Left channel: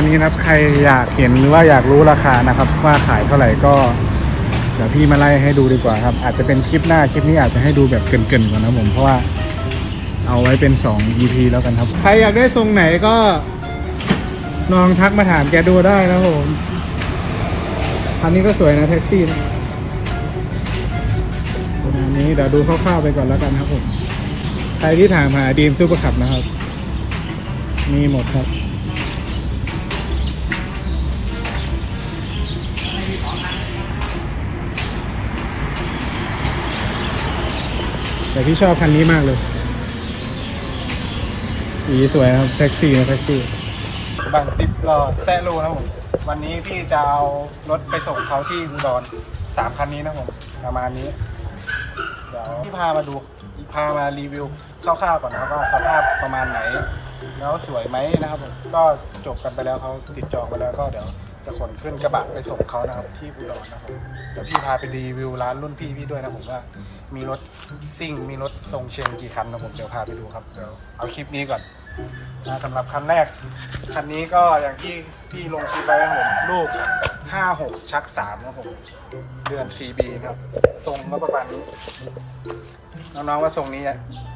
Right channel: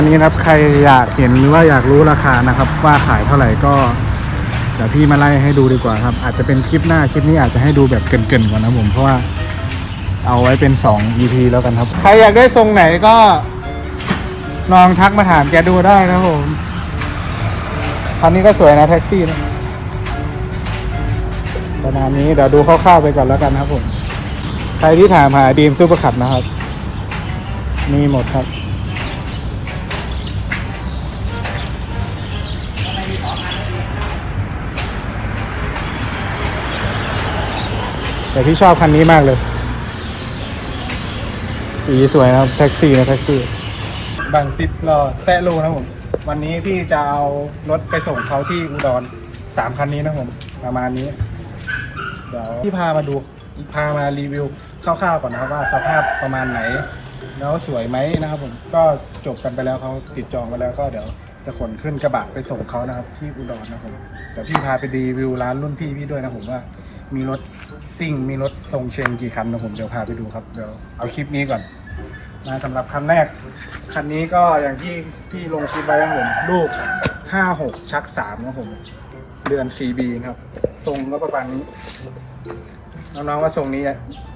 ณนี้นะครับ ใครอยากเห็นหรือว่าอยากรู้ราคานะครับ ว่าขายเท่าไหร่ก็เดี๋ยวพี่มาไล่ให้ดูดีกว่าครับ อาจจะเป็นคลิปหน้าคลิปนี้อาจจะให้ดูแบบเกินๆก่อนนะผมเพราะว่าเอาไว้เป็น 2 EP แล้วกันครับ ใครอยากได้ทรงไหนก็ลองทักมาถามแกดูได้นะผมคันนี้ก็สวยนะแท็กซี่นะประมาณนี้เดี๋ยวดูคร่าวๆไปก่อนแล้วกันครับผม ใครที่ถามหาดีมซูเปอร์ขับนะครับ มีหมดครับ แต่ที่ชอบคันนี้มากเลย สีสวยนะครับ แท็กซี่นะแท็กซี่บางซิปรอแซะโลนะผมวันนี้พี่จะเอารถไปส่งเขาที่อุดรสามคันนี้นะผมประมาณนี้ เดี๋ยวพี่พามาดูพามารีวิวคร่าวๆก่อนนะครับว่าสภาพประมาณไหน แล้วสวยไหมนะครับผมก็จบกันไปแล้วเขาติดจองไปแล้วก็เดี๋ยว จะขนขึ้นกระบะไปส่งเขานะครับ ที่อุดรนะครับผมเดี๋ยวพี่พาไปรีวิวร้านรุ่นพี่พี่ด้วยนะผมว่า มีรถซิ่งมีรถทรงเชงกี่คันนะผมเดี๋ยวพาไปดูครับเดี๋ยวเอาคลิปนี้ก่อนนะสำหรับคันแรกคันนี้ก็อย่างที่พี่ลงคลิปไว้นะครับผมลูก56 ชัก3นะผมเดือน CB ครับทรงก็ประมาณนี้ น้องๆว่าทรงนี้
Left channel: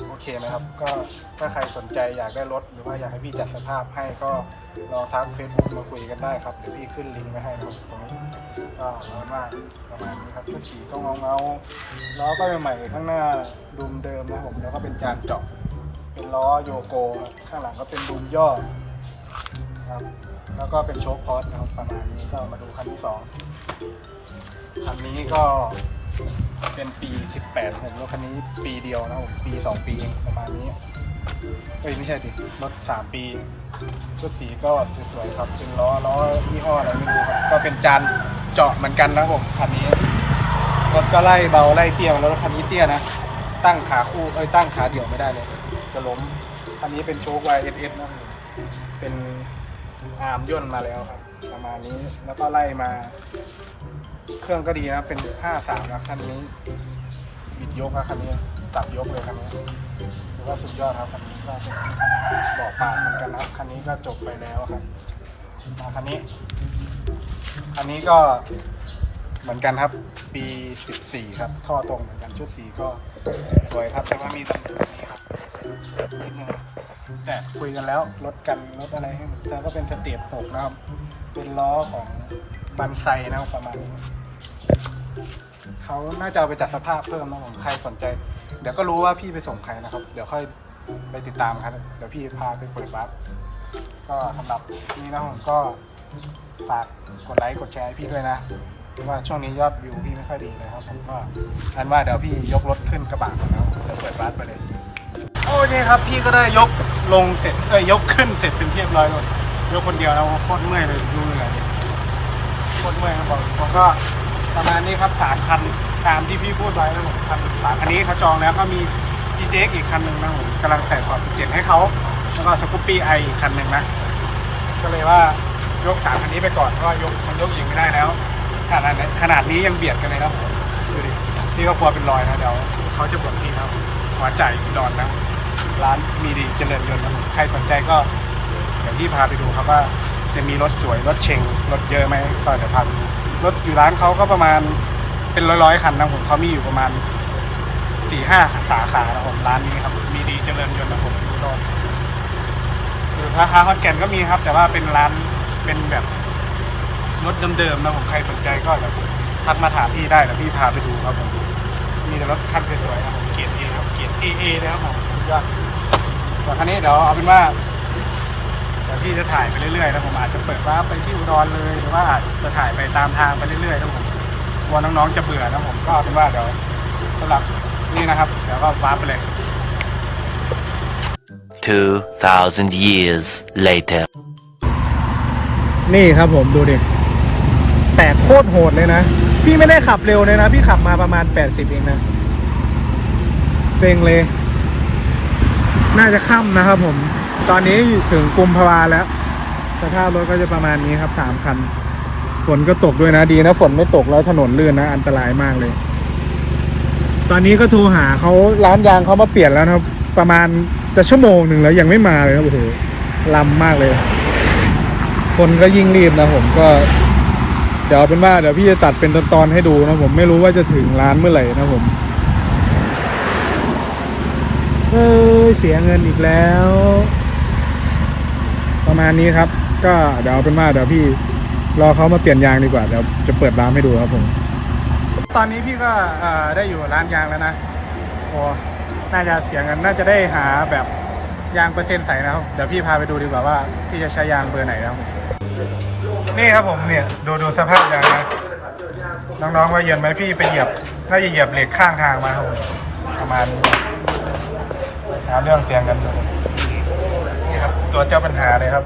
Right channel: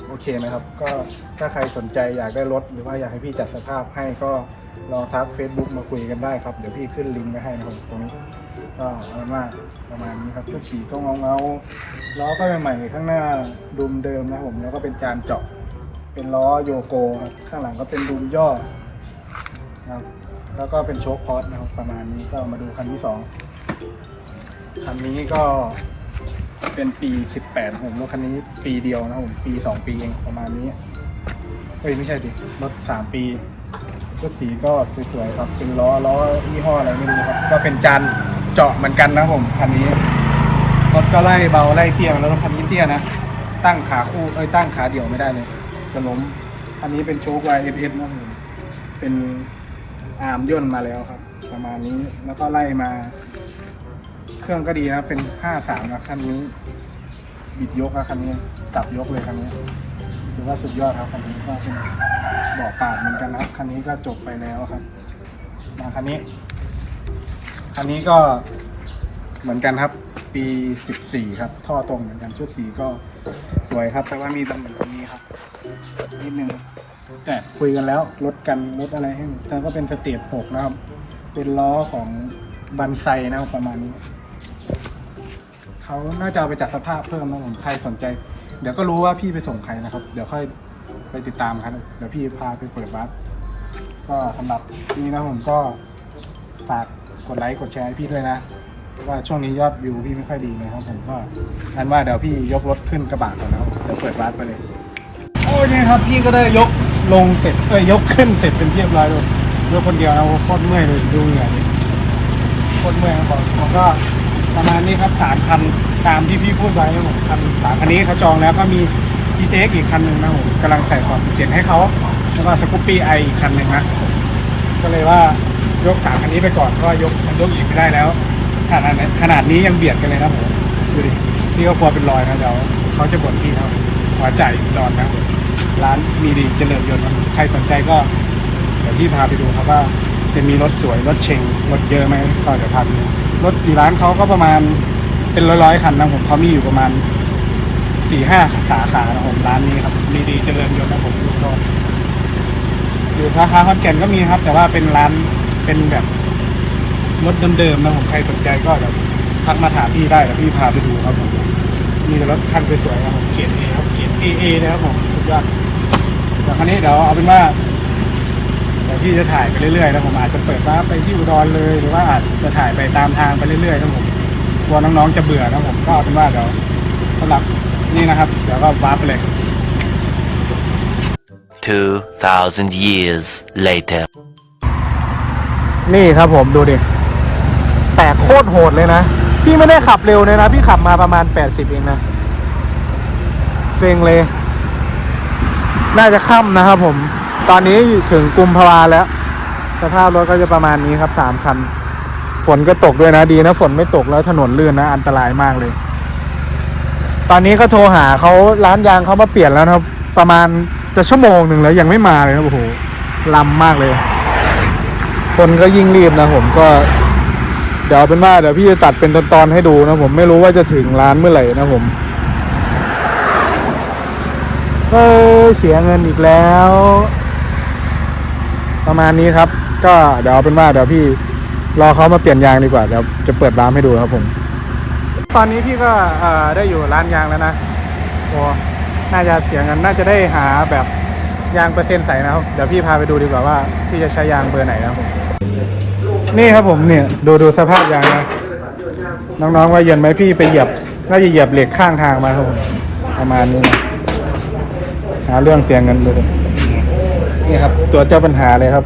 โอเคไหมครับ ก็ถ้าใครสนใจอยากได้รถ หรือว่าอยากให้พี่จัดสภาพให้ก็ลองทัก Facebook มาคุยกันได้ครับ เดี๋ยวพี่ขึ้นลิงก์ไว้ให้นะครับตรงนี้ก็เอาเป็นว่าประมาณนี้ครับก็ขี่ต้องเงาเงาล้อก็ใหม่ๆข้างหน้าดุมเดิมนะผมแล้วก็เป็นจานเจาะเป็นล้อโยโกข้างหลังก็เป็นดุมย่อนะครับแล้วก็เป็นโชคพอตนะครับประมาณนี้ก็มาดูคันที่สองคันนี้ก็ เป็นปี 18ผมรถคันนี้ปีเดียวนะผมปี 2 ปีเองประมาณนี้เอ้ยไม่ใช่ดิรถ 3 ปีรถสีก็สวยๆครับเป็นล้อล้อยี่ห้ออะไรไม่รู้ครับ ก็เป็นจานเจาะเหมือนกันนะผมคันนี้รถก็ไล่เบาไล่เตี้ยแล้วรถคันนี้เตี้ยนะตั้งขาคู่เอ้ยตั้งขาเดี่ยวไม่ได้เลยจะล้มคันนี้เป็นโชค YFS นะผมเป็นอาร์มย่นมาแล้วครับ ประมาณนี้แล้วก็ไล่มา เครื่องก็ดีนะเป็น 53นะคันนี้ บิดยกนะคันนี้สับยกเลยคันนี้ถือว่าสุดยอดครับคันนี้ก็เป็นบาะปาดเหมือนกันนะครับคันนี้ก็จบไปแล้วครับมาคันนี้คันนี้ก็เหมือนกันครับ ปี 14 ครับ ท่อตรงเหมือนกันชุดสีก็สวยครับ แต่ว่ามีตำหนิคันนี้ครับนิดนึงแต่คุยกันแล้วลดกันลดอะไรให้แล้วก็เป็นสเตจหกนะครับ เป็นล้อของบันไซนะครับประมาณนี้ เขาน่าจะเอาไปจัดสภาพเพิ่มนะผมใครสนใจ เดี๋ยวก็รู้ว่าพี่ไปส่งใครนะครับ เดี๋ยวค่อยไปติดตามครับ เดี๋ยวพี่พาไปเปิดวัดก็สำหรับนี้นะผมก็ฝากกดไลค์กดแชร์ให้พี่ด้วยนะเพราะว่าช่วงนี้ยอดวิวพี่ไม่ค่อยดีเลยครับผมก็งั้นว่าเดี๋ยวพี่ยกรถขึ้นกระบะก่อนนะครับเดี๋ยวเปิดวัดไปเลยโอเคครับพี่ก็ได้ยกลงเสร็จเอ้ยยกขึ้นเสร็จเป็นเรียบร้อยเลยยกคนเดียวนะโคตรเมื่อยเลยดูเหงื่อโคตรเมื่อยนะบอกผมก็ ประมาณนี้ครับสามคันตามที่พี่พูดไว้นะผมคันสามคันนี้เขาจองแล้วก็มี GTX อีกคันหนึ่งนะผมกำลังใส่ขอบเจ็ดให้เขาแล้วก็สกูปปี้ไออีกคันหนึ่งนะก็เลยว่ายกสามคันนี้ไปก่อนก็ยกมันยกอีกไม่ได้แล้วขนาดขนาดนี้ยังเบียดกันเลยนะผมดูดิพี่ก็กลัวเป็นรอยนะเดี๋ยวเขาจะบ่นพี่ครับหัวใจรอนนะร้านมีดีเจริญยนต์ครับใครสนใจก็เดี๋ยวพี่พาไปดูครับว่าจะมีรถสวยรถเชงรถเยอะไหมก็เดี๋ยวพาไปดู รถอยู่ร้านเขาก็ประมาณเป็นร้อยๆคันนะผมเขามีอยู่ประมาณสี่ห้าสาขานะผมร้านนี้ครับ มีดีเจริญยนต์นะผมก็อยู่ราคาฮอตแก่นก็มีครับ แต่ว่าเป็นร้านเป็นแบบรถเดิมๆนะผมใครสนใจก็เดี๋ยวทักมาถามพี่ได้แล้วพี่พาไปดูครับผมมีแต่รถคันสวยๆครับเกียร์เอครับเกียร์เอเอเลยครับผมสุดยอดแต่คันนี้เดี๋ยวเอาเป็นว่า พี่จะถ่ายไปเรื่อยๆนะผมอาจจะเปิดว่าร์ปไปที่อุดรเลยหรือว่าอาจจะถ่ายไปตามทางไปเรื่อยๆนะผมกลัวน้องๆจะเบื่อนะผมก็เอาเป็นว่าเดี๋ยวสำหรับนี่นะครับ เดี๋ยวก็วาร์ปไปเลย 2,000 years later. นี่ครับผมดูดิ แตกโคตรโหดเลยนะ พี่ไม่ได้ขับเร็วเลยนะ พี่ขับมาประมาณ 80 เองนะเซ็งเลย น่าจะค่ำนะครับผม ตอนนี้ถึงกุมภาวาแล้ว สภาพรถก็จะประมาณนี้ครับสามคัน ฝนก็ตกด้วยนะดีนะฝนไม่ตกแล้วถนนลื่นนะ อันตรายมากเลย ตอนนี้ก็โทรหาเขาร้านยางเขามาเปลี่ยนแล้วนะครับ ประมาณจะชั่วโมงหนึ่งแล้วยังไม่มาเลยครับโอ้โหลำมากเลย คนก็ยิ่งรีบนะผมก็ เดี๋ยวเป็นว่าเดี๋ยวพี่จะตัดเป็นตอนๆให้ดูนะผมไม่รู้ว่าจะถึงร้านเมื่อไหร่นะผมเออเสียเงินอีกแล้ว ประมาณนี้ครับ ก็เดี๋ยวเอาเป็นว่าเดี๋ยวพี่รอเขามาเปลี่ยนยางดีกว่าเดี๋ยวจะเปิดร้านให้ดูครับผม ตอนนี้พี่ก็เอ่อได้อยู่ร้านยางแล้วนะโอ้น่าจะเสียเงินน่าจะได้หาแบบยางเปอร์เซ็นต์ใสนะครับเดี๋ยวพี่พาไปดูดีกว่าว่าพี่จะใช้ยางเบอร์ไหนนะครับผมนี่ครับผมเนี่ยดูดูสภาพยางนะน้องๆว่าเย็นไหมพี่ไปเหยียบน่าจะเหยียบเหล็กข้างทางมาครับผมประมาณนี้นะหาเรื่องเสียเงินเลย นี่ครับ ตัวเจ้าปัญหาเลยครับ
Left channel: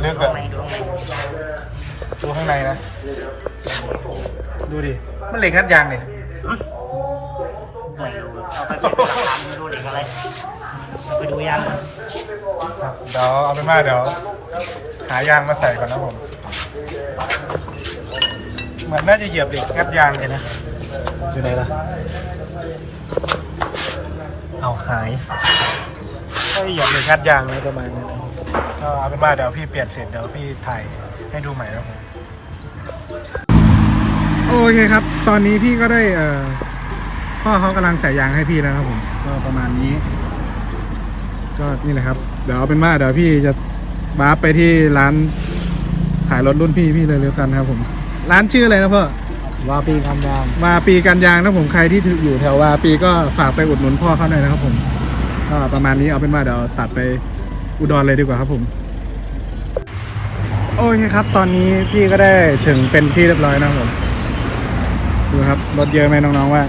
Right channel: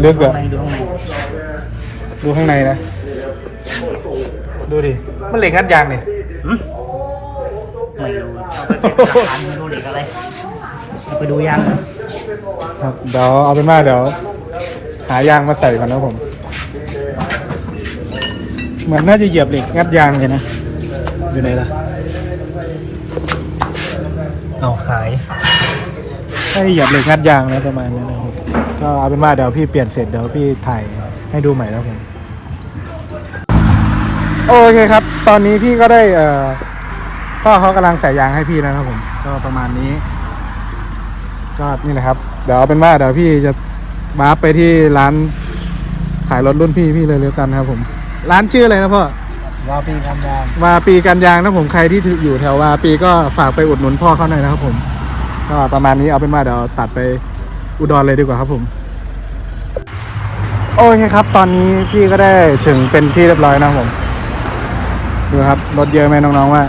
เลือกแบบข้างในดูข้างในดูข้างในนะ ดูดิ มันเหล็กงัดยางเนี่ยไม่รู้เอาไปเก็บหลักฐานไม่รู้เหล็กอะไรเอาไปดูยางก่อนครับเดี๋ยวเอาเป็นว่าเดี๋ยว หายางมาใส่ก่อนนะผม เหมือนน่าจะเหยียบเหล็กงัดยางเลยนะ อยู่ไหนล่ะ เอาหายให้หยียบเหล็กงัดยางนะประมาณนี้นะครับก็เอาเป็นว่าเดี๋ยวพี่เปลี่ยนเสร็จเดี๋ยวพี่ถ่ายให้ดูใหม่นะครับผมโอเคครับ ตอนนี้พี่ก็ได้เอ่อพ่อเขากำลังใส่ยางให้พี่แล้วนะครับผมก็ประมาณนี้ ก็นี่แหละครับ เดี๋ยวเอาเป็นว่าเดี๋ยวพี่จะมาไปที่ร้านขายรถรุ่นพี่พี่เลยเร็วกันนะครับผม ร้านชื่ออะไรนะพ่อ ว่าปีทำยางวาปีกันยางนะผมใครที่อยู่แถววาปีก็ฝากไปอุดหนุนพ่อเขาหน่อยนะครับผม ก็ประมาณนี้เอาเป็นว่าเดี๋ยวตัดไปอุดรเลยดีกว่าครับผม โอเคครับ ตอนนี้พี่ก็ได้ถึงเป็นที่เรียบร้อยนะครับผมดูครับรถเยอะไหมน้องๆว่า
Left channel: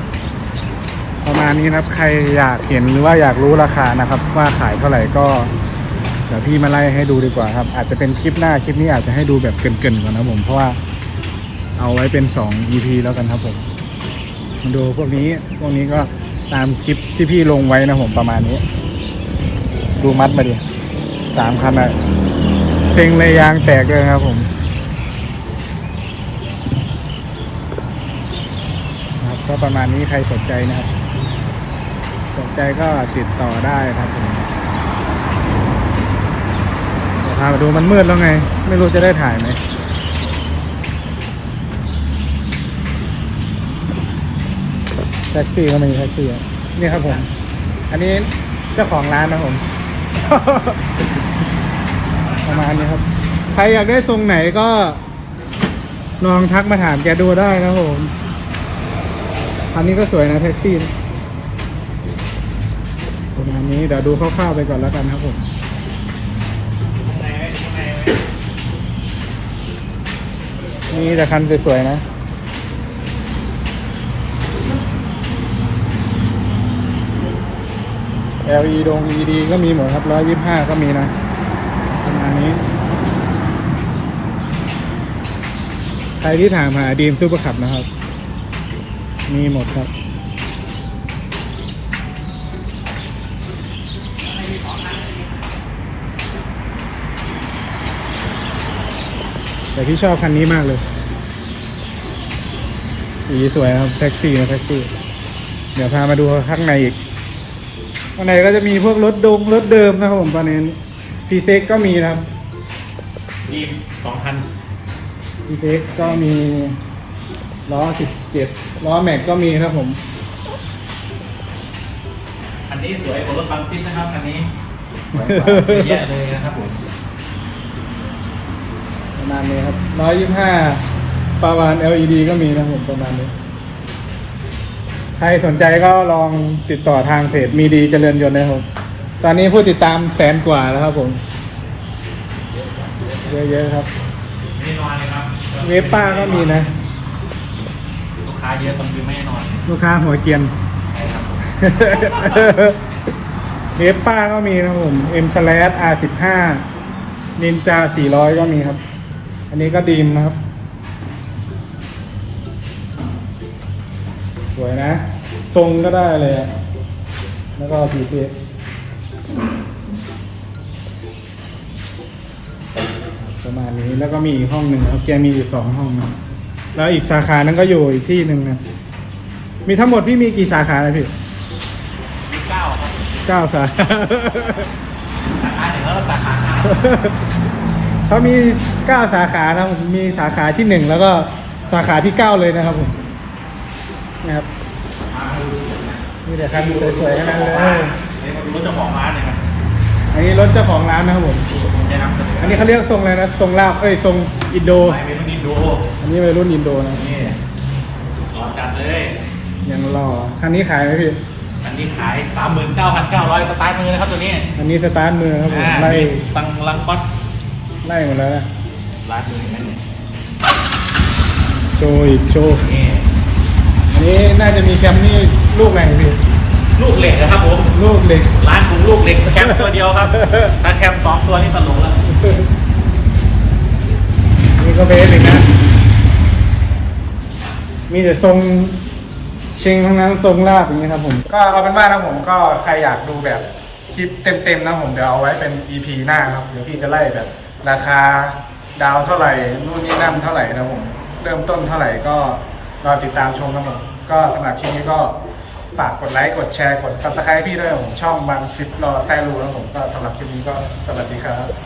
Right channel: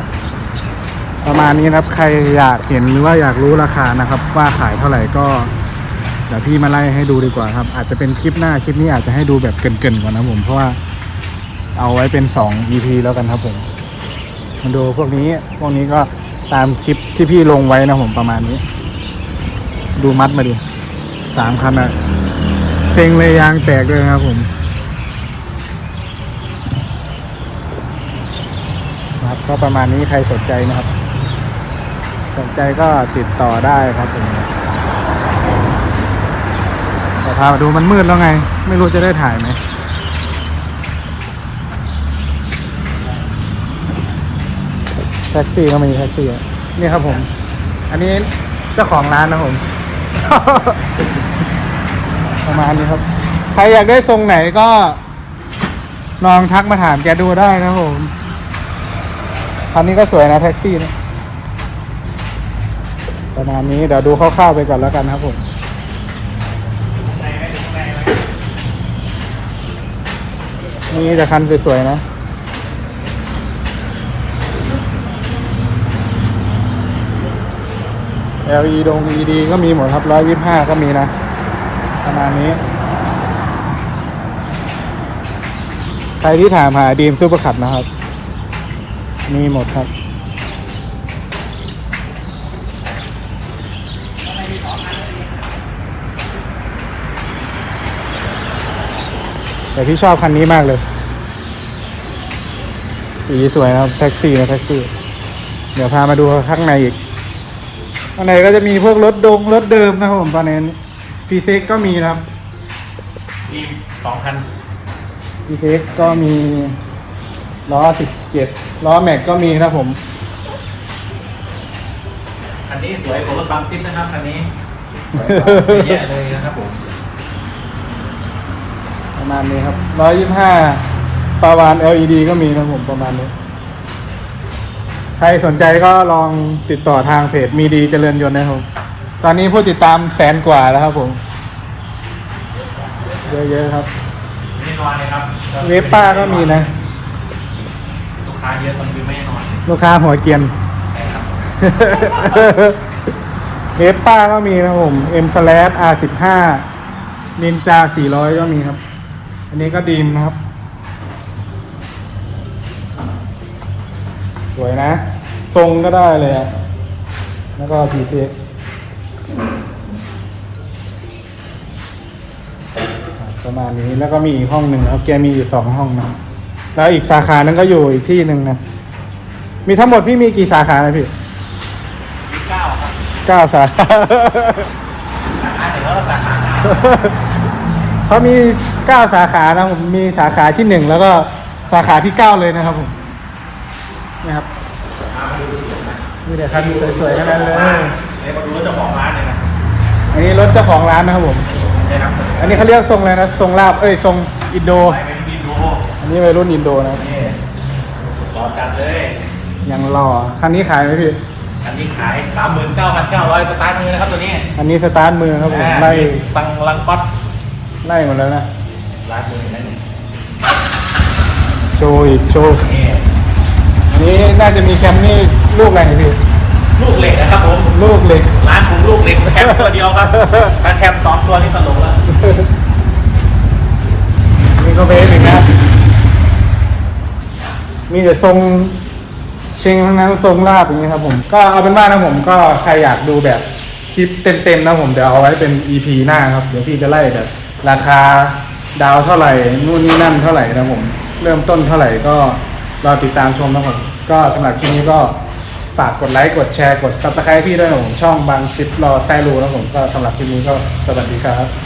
ประมาณนี้นะครับ ใครอยากเห็นหรือว่าอยากรู้ราคานะครับ ว่าขายเท่าไหร่ก็เดี๋ยวพี่มาไล่ให้ดูดีกว่าครับ อาจจะเป็นคลิปหน้าคลิปนี้อาจจะให้ดูแบบเกินๆก่อนนะผมเพราะว่า เอาไว้เป็น 2 EP แล้วกันครับผมมาดูพวกนี้พวกนี้ก็ตามคลิปที่พี่ลงไว้นะผมประมาณนี้ ดูมัดมาดิสามคันอะเซ็งเลยยางแตกเลยครับผมครับก็ประมาณนี้ใครสนใจนะครับ สนใจก็ติดต่อได้ครับผมพามาดูมันมืดแล้วไง ไม่รู้จะได้ถ่ายไหม ท็กซี่ก็มีแท็กซี่อะนี่ครับผม อันนี้เจ้าของร้านนะผมประมาณนี้ครับ ใครอยากได้ทรงไหนก็ลองทักมาถามแกดูได้นะครับผมคันนี้ก็สวยนะแท็กซี่นะประมาณนี้เดี๋ยวดูคร่าวๆไปก่อนแล้วกันครับผมนี่จะคันสวยๆนะ LED ดง LED ก็มีหมดครับร้อยยี่ห้าก็มีนะประมาณนี้ ใครที่ถามหาดีมซูเปอร์คับนะครับ มีหมดครับแต่พี่ชอบคันนี้มากเลย สีสวยครับ แท็กซี่นะแท็กซี่ เดี๋ยวพามาดูข้างในอีก ข้างในก็จะมีพวกรถดงรถเดิมนะครับผมตอนนี้พีเซ็กก็มีนะครับมีสองพันพีเซ็กก็มีล้อสิบเจ็ดล้อแม็กก็มีครับผม คันนี้สวยกว่ารถบังซิปนะครับคันนี้แย่เลยนะครับผมประมาณนี้ครับร้อยยี่ห้าปาวาน LED ก็มีนะครับผมประมาณนี้ ใครสนใจก็ลองติดต่อทางเพจมีดีเจริญยนต์นะครับ ตอนนี้ผู้ติดตามแสนกว่าแล้วครับผม เยอะๆครับไม่นอนเลยครับเวฟป้าก็มีนะ ลูกค้าเยอะตอนคือไม่นอนลูกค้าหัวเกรียน ใช่ครับเวฟป้าก็มีนะครับผม M slash R สิบห้านินจาสี่ร้อยก็มีครับ อันนี้ก็ดีมนะครับ ทรงก็ได้เลยอะแล้วก็ p c ประมาณนี้แล้วก็มีอีกห้องหนึ่งครับแกมีอยู่สองห้องนะแล้วอีกสาขานั้นก็อยู่อีกที่หนึ่งนะมีทั้งหมดพี่มีกี่สาขานะพี่มีเก้าครับเก้าสาขาราคาถือว่าแล้วสาขาเขามีเก้าสาขานะผมมีสาขาที่หนึ่งแล้วก็สาขาที่เก้าเลยนะครับผมนะครับ มีแต่คันสวยๆทั้งนั้นเลยเดี๋ยวมาดูเจ้าของร้านเลยนะอันนี้รถเจ้าของร้านนะครับผมนี่ผมได้รับเสนออันนี้เขาเรียกทรงอะไรนะทรงลาบเอ้ยทรงอินโด ไปไปที่ดูอันนี้วัยรุ่นอินโดนะครับนี่รอจัดเลย ยังรอคันนี้ขายไหมพี่ อันนี้ขายสามหมื่นเก้าพันเก้าร้อยสตาร์ทมือนะครับตัวนี้อันนี้สตาร์ทมือครับผมอ่าไล่มีฟังลังก๊อตไล่หมดแล้วนะ ร้านมือนั่นนี่โชว์อีกโชว์นี่นี่น่าจะมีแคมนี่ ลูกอะไรพี่ลูกเหล็กนะครับผมลูกเหล็กร้านผมลูกเหล็กแคมตัวเดียวครับถ้าแคมสองตัวนี่ตลกแล้วนี่ก็เบสอีกนะมีแต่ทรงเชิงทั้งนั้นทรงลาบอย่างนี้ครับผม ก็เอาเป็นว่านะผมก็ใครอยากดูแบบคลิปเต็มๆนะผมเดี๋ยวเอาไว้เป็น EP หน้าครับ เดี๋ยวพี่จะไล่แบบ ราคาดาวเท่าไหร่นู่นนี่นั่นเท่าไหร่นะผม เริ่มต้นเท่าไหร่ก็รอติดตามชมนะผมก็สำหรับคลิปนี้ก็ ฝากกดไลค์ กดแชร์ กด subscribe พี่ด้วยนะผมช่องบังซิปรอแซลูนะผมก็สำหรับคลิปนี้ก็สวัสดีครับ